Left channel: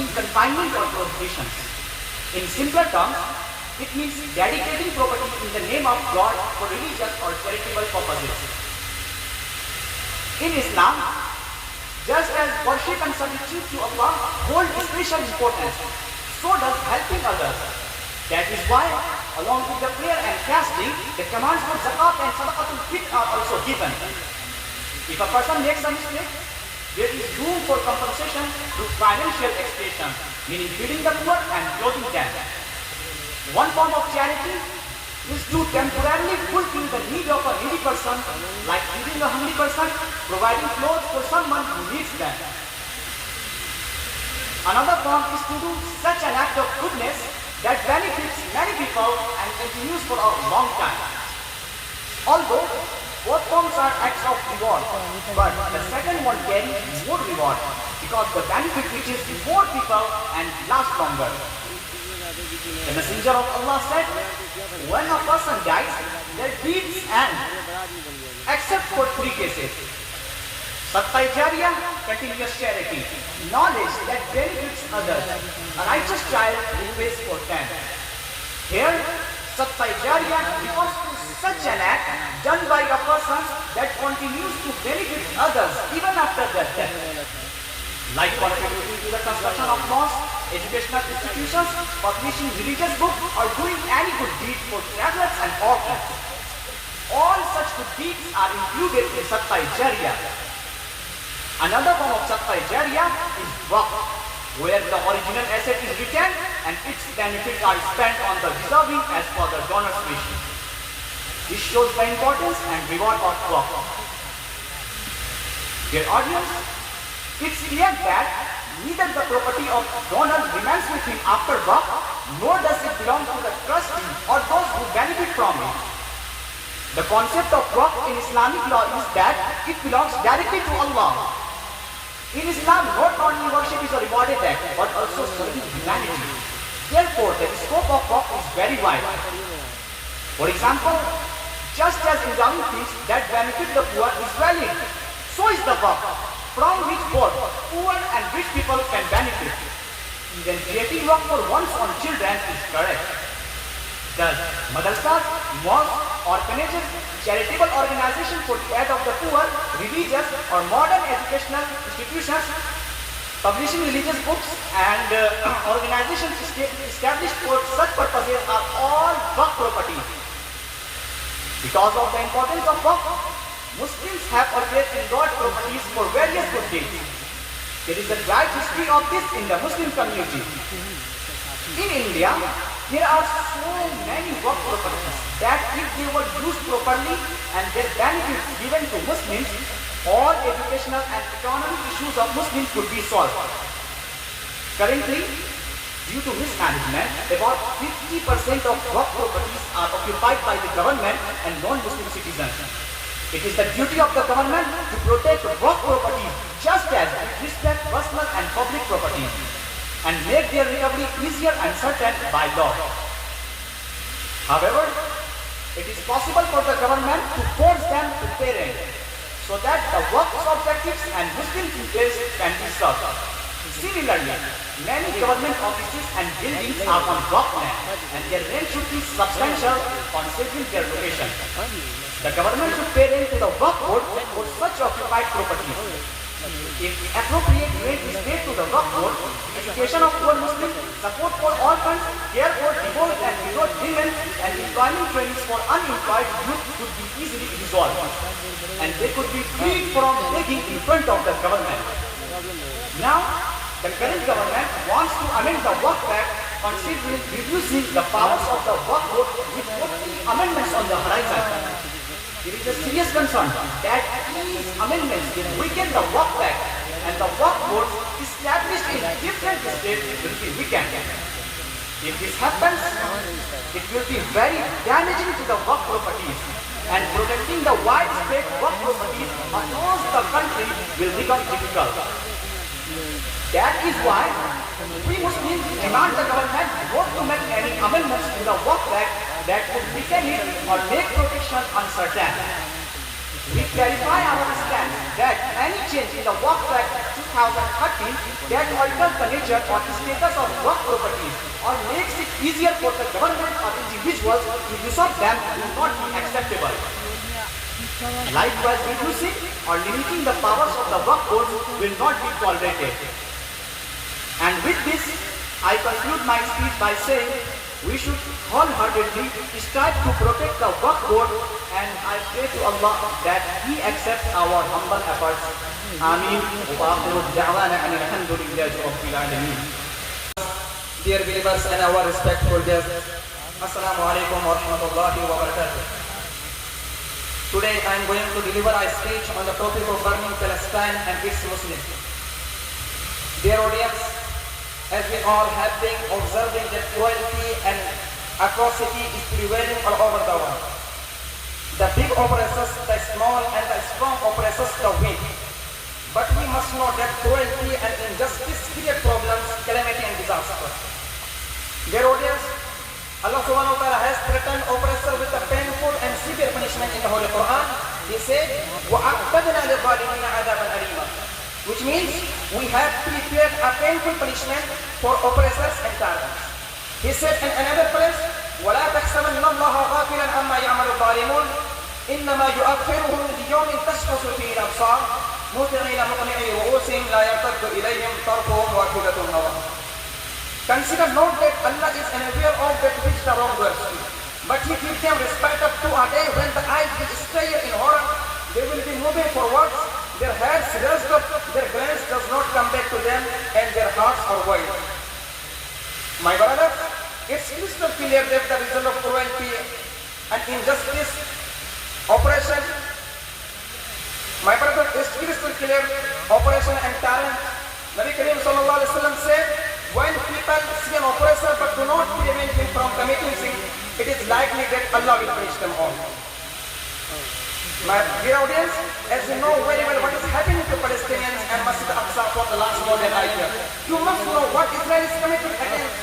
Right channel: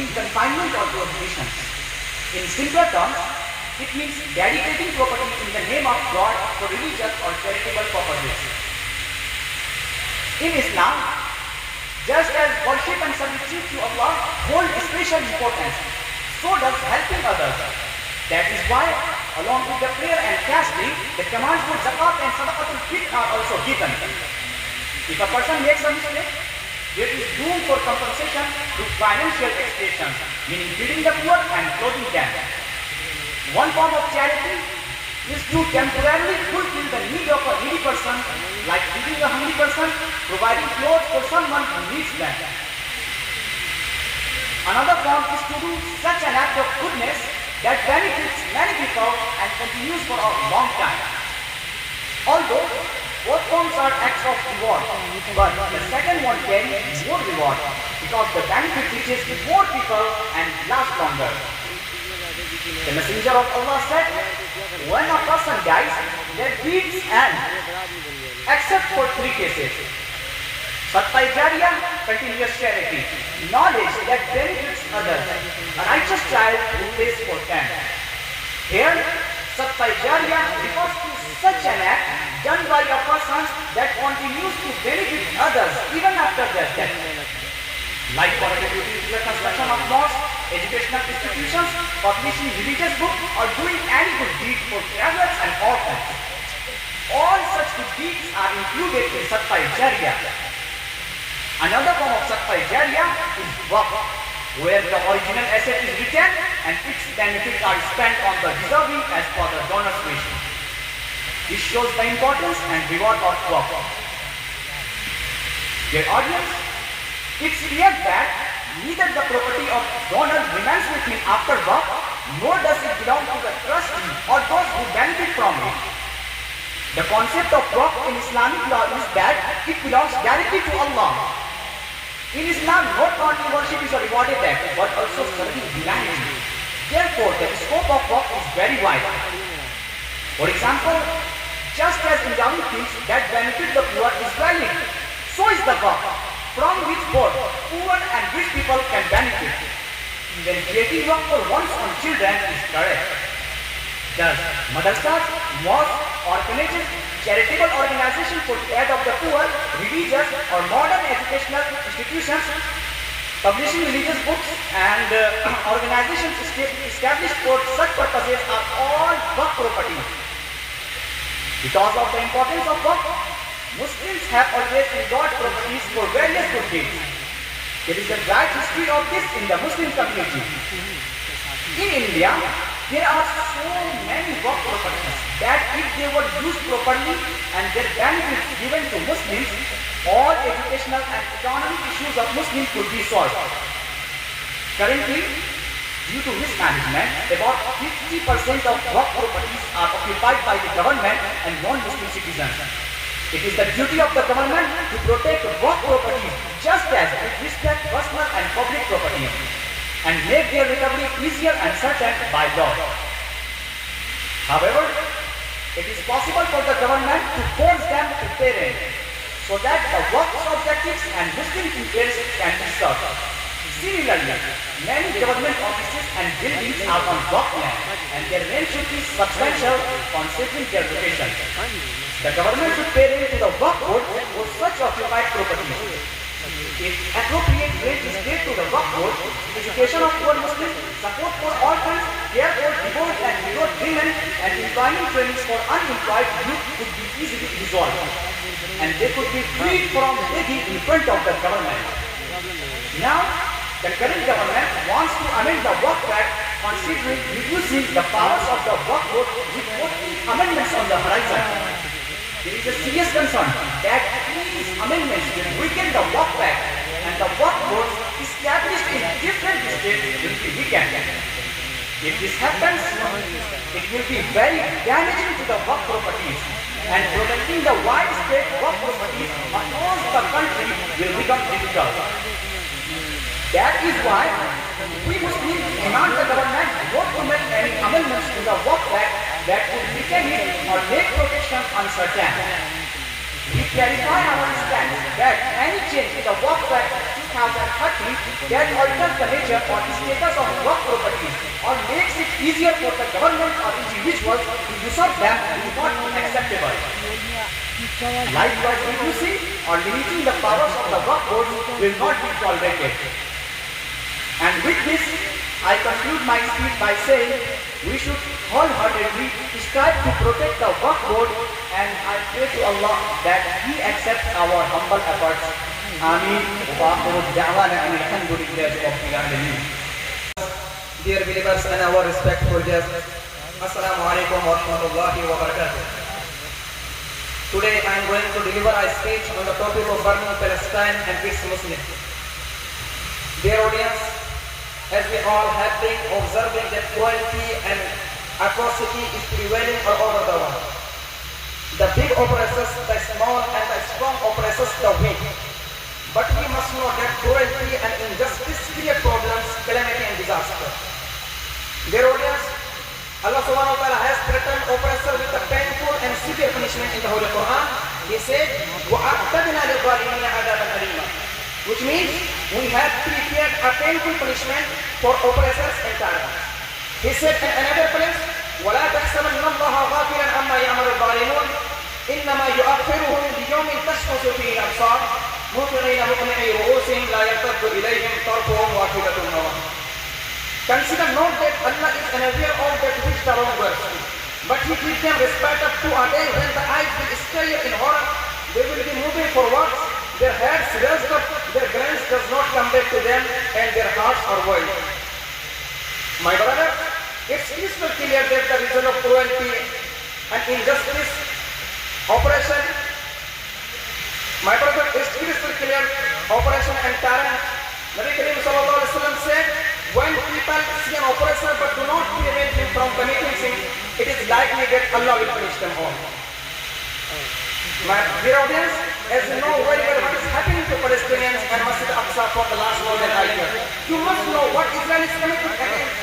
meaning confinement or prohibition. In simpler terms, it means dedicating property in the name of God for religious or charitable purposes. In Islam, just as worship and servitude to Allah hold special importance, so does helping others. That is why, along with the prayer and fasting, the commands for zakat and sadaqatul fitr are also given. If a person makes a mistake, there is room for compensation through financial expiation, meaning feeding the poor and clothing them. One form of charity is to temporarily fulfill the need of a needy person, like feeding a hungry person, providing clothes for someone who needs them. Another form is to do such an act of goodness that benefits many people and continues for a long time. Although both forms are acts of reward, but the second one carries more reward because the benefit reaches more people and lasts longer. The Messenger of Allah said, when a person dies, their deeds end, except for three cases. Sadaqah Jariyah, continuous charity, knowledge that benefits others, a righteous child who prays for them. Here, Sadaqah Jariyah refers to such an act done by a person that continues to benefit others even after their death, like contributing to the construction of mosques, educational institutions, publishing religious books, or doing any good deed for travelers and orphans. All such good deeds are included in Sadaqah Jariyah. Another form of Sadaqah Jariyah is waqf, where the original asset is retained and its benefits are spent on the deserving as per the donor's wish. This shows the importance and reward of waqf. Dear audience, it's clear that neither the property of donor remains with him after waqf, nor does it belong to the trustee or those who benefit from it. The concept of waqf in Islamic law is that it belongs directly to Allah. In Islam, not only worship is a rewarded act, but also serving humanity. Therefore, the scope of waqf is very wide. For example, just as endowing things that benefit the poor is valid, so is the waqf, from which both poor and rich people can benefit. Even creating waqf for one's own children is correct. Thus, madrasas, mosques, orphanages, charitable organizations for the aid of the poor, religious or modern educational institutions, publishing religious books and organizations established for such purposes are all waqf property. Because of the importance of waqf, Muslims have always enjoyed properties for various good deeds. There is a bright history of this in the Muslim community. In India, there are so many waqf properties that if they were used properly and their benefits given to Muslims, all educational and economic issues of Muslims could be solved. Currently, due to mismanagement, about 50% of waqf properties are occupied by the government and non-Muslim citizens. It is the duty of the government to protect waqf properties just as it respects personal and public property and make their recovery easier and certain by law. However, it is possible for the government to force them to pay rent so that the waqf objectives and Muslim interests can be served. Similarly, many government offices and buildings are on waqf land and their rent should be substantial considering their location. The government should pay rent to the waqf board for such occupied properties. If appropriate rent is paid to the waqf board, education of poor Muslims, support for orphans, care for divorced and widowed women, and employment trainings for unemployed youth could be easily resolved. And they could be freed from begging in front of the government. Now, the current government wants to amend the Waqf Act, considering reducing the powers of the Waqf Board with 40 amendments on the horizon. There is a serious concern that these amendments will weaken the Waqf Act and the Waqf Boards established in different states will be weakened. If this happens, it will be very damaging to the Waqf properties and protecting the widespread Waqf properties across the country will become difficult. That is why we Muslims demand the government not to make any amendments to the Waqf Act that would weaken it or make protection uncertain. We clarify our stance that any change in the Waqf Act should 2013 that alters the nature or status of work properties or makes it easier for the government or individuals to usurp them is not acceptable. Likewise, reducing or limiting the powers of the work board will not be tolerated. And with this, I conclude my speech by saying we should wholeheartedly strive to protect the work board, and I pray to Allah that He accepts our humble efforts. Ameen. Dear believers and our respectful guests, Assalamu alaikum wa rahmatullahi wa barakatuh. Today I am going to deliver a speech on the topic of burning Palestine and its Muslims. Dear audience, as we all have been observing that cruelty and atrocity is prevailing all over the world. The big oppresses the small and the strong oppresses the weak. But we must know that cruelty and injustice create problems, calamity and disaster. Dear audience, Allah subhanahu wa ta'ala has threatened oppressor with a painful and severe punishment in the Holy Quran. He said, وَأَعْتَدْنَا لِلظَّالِمِينَ عَذَابًا أَلِيمًا, which means we have prepared a painful punishment for oppressors and tyrants. He said in another place, وَلَا تَحْسَبَنَّ اللَّهَ غَافِلًا عَمَّا يَعْمَلُ الظَّالِمُونَ إِنَّمَا يُؤَخِّرُهُمْ لِيَوْمٍ تَشْخَصُ فِيهِ الْأَبْصَارُ مُهْطِعِينَ مُقْنِعِي رُءُوسِهِمْ لَا يَرْتَدُّ إِلَيْهِمْ طَرْفُهُمْ وَأَفْئِدَتُهُمْ هَوَاءٌ. Consider not that Allah is unaware of that which the wrongdoers do, but He gives them respite up to a day when the eyes will stare in horror. They will be moving forwards, their heads raised up, their glance does not come back to them, and their hearts are void. My brother, it's crystal clear that the result of cruelty and injustice, oppression, my brother, it's crystal clear, oppression and tyrant. Nabi Karim sallallahu alaihi wasallam said, when people see an oppressor but do not prevent him from committing sin, it is likely that Allah will punish them all. My dear audience, as you know very well what is happening to Palestinians and Masjid al-Aqsa for the last more than a year, you must know what Israel is committing against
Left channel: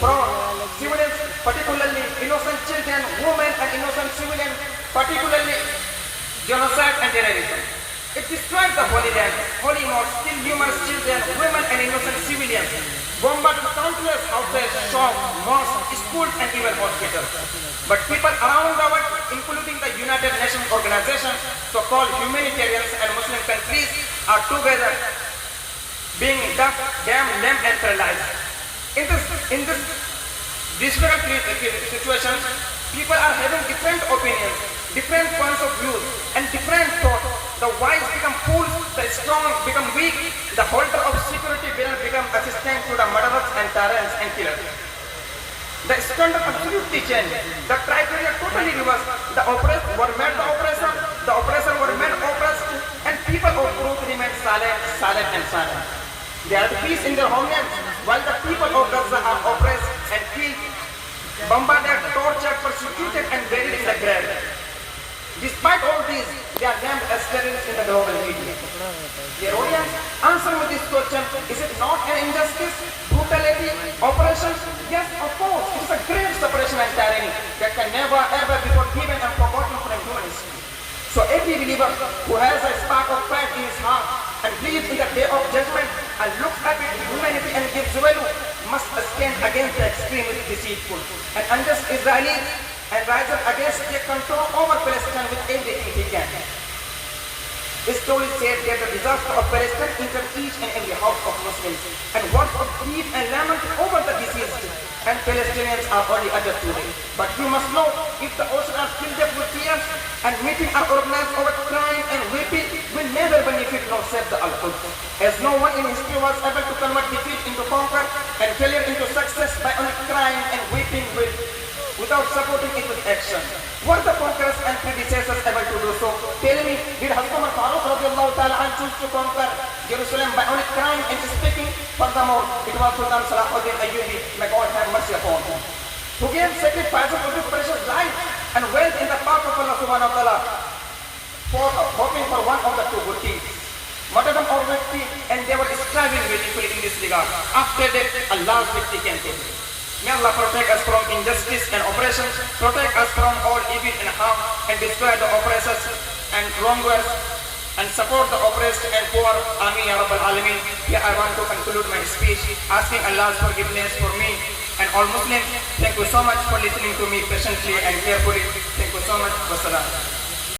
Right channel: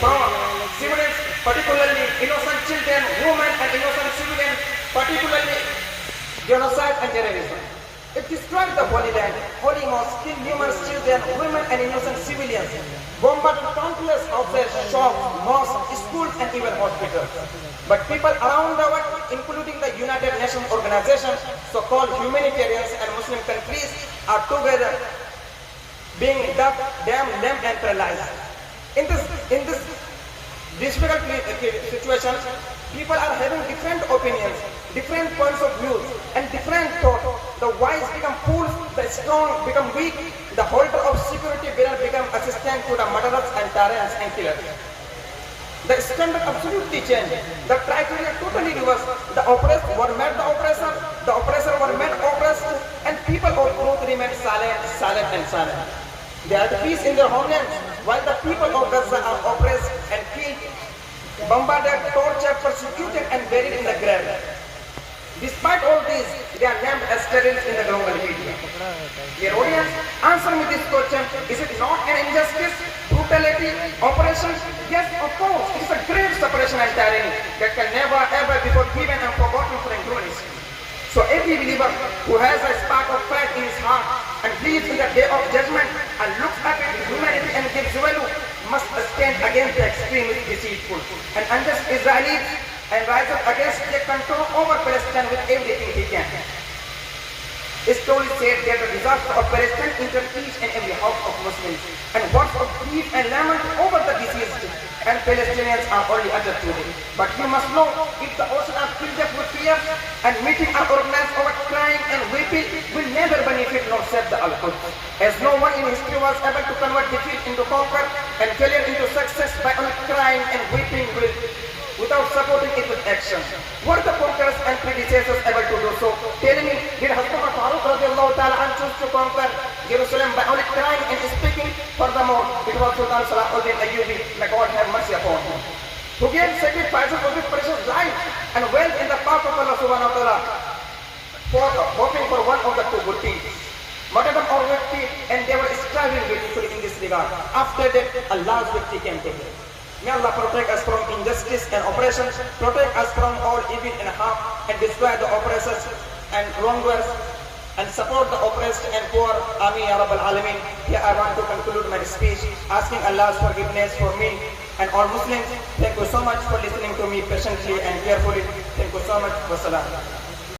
from civilians, particularly innocent children, women and innocent civilians, particularly genocide and terrorism. It destroys the Holy Land, holy mosques, kill numerous children, women and innocent civilians, bombard countless hotels, shops, mosques, schools and even hospitals. But people around the world, including the United Nations organization, so-called humanitarians and Muslim countries, are together being deaf, damned, lame and paralyzed. In this difficult situation, people are having different opinions, different points of view and different thoughts. The wise become fools, the strong become weak, the holder of security will become assistant to the murderers and tyrants and killers. The standard absolutely changed. The criteria totally reversed. The oppressed were made the oppressor were made oppressed, and people of truth remain silent and silent. They are at peace in their homeland, while the people of Gaza are oppressed and killed, bombarded, tortured, persecuted and buried in the grave. Despite all this, they are named as terrorists in the global media. Dear audience, answer me this question: is it not an injustice, brutality, oppression? Yes, of course. It is a great separation and tyranny that can never ever be forgiven and forgotten from human history. So every believer who has a spark of faith in his heart and believes in the day of judgment and looks up at humanity and gives value must stand against the extremist, deceitful and unjust Israelis and rise up against their control over Palestine with everything he can. History said that the disaster of Palestine entered each and every house of Muslims, and words of grief and lament over the deceased and Palestinians are only uttered today. But you must know, if the ocean are filled up with tears and meeting are organized over crying and weeping, will never benefit nor save the Al-Quds. As no one in history was able to convert defeat into conquer and failure into success by only crying and weeping without supporting it with action. Were the conquerors and predecessors able to do so? Tell me, did Hazrat Umar Farooq radiallahu ta'ala choose to conquer Jerusalem by only crying and speaking? Furthermore, it was Sultan Salahuddin Ayyubi, may God have mercy upon him, who gave sacrifices of his precious life and wealth in the path of Allah subhanahu wa ta'ala, hoping for one of the two good things: martyrdom or victory, and they were striving victory in this regard. After that, Allah's victory came to them. May Allah protect us from injustice and oppression, protect us from all evil and harm, and destroy the oppressors and wrongdoers, and support the oppressed and poor. Ameen Ya Rabbal Alameen. Here I want to conclude my speech asking Allah's forgiveness for me and all Muslims. Thank you so much for listening to me patiently and carefully. Thank you so much. Wassalam.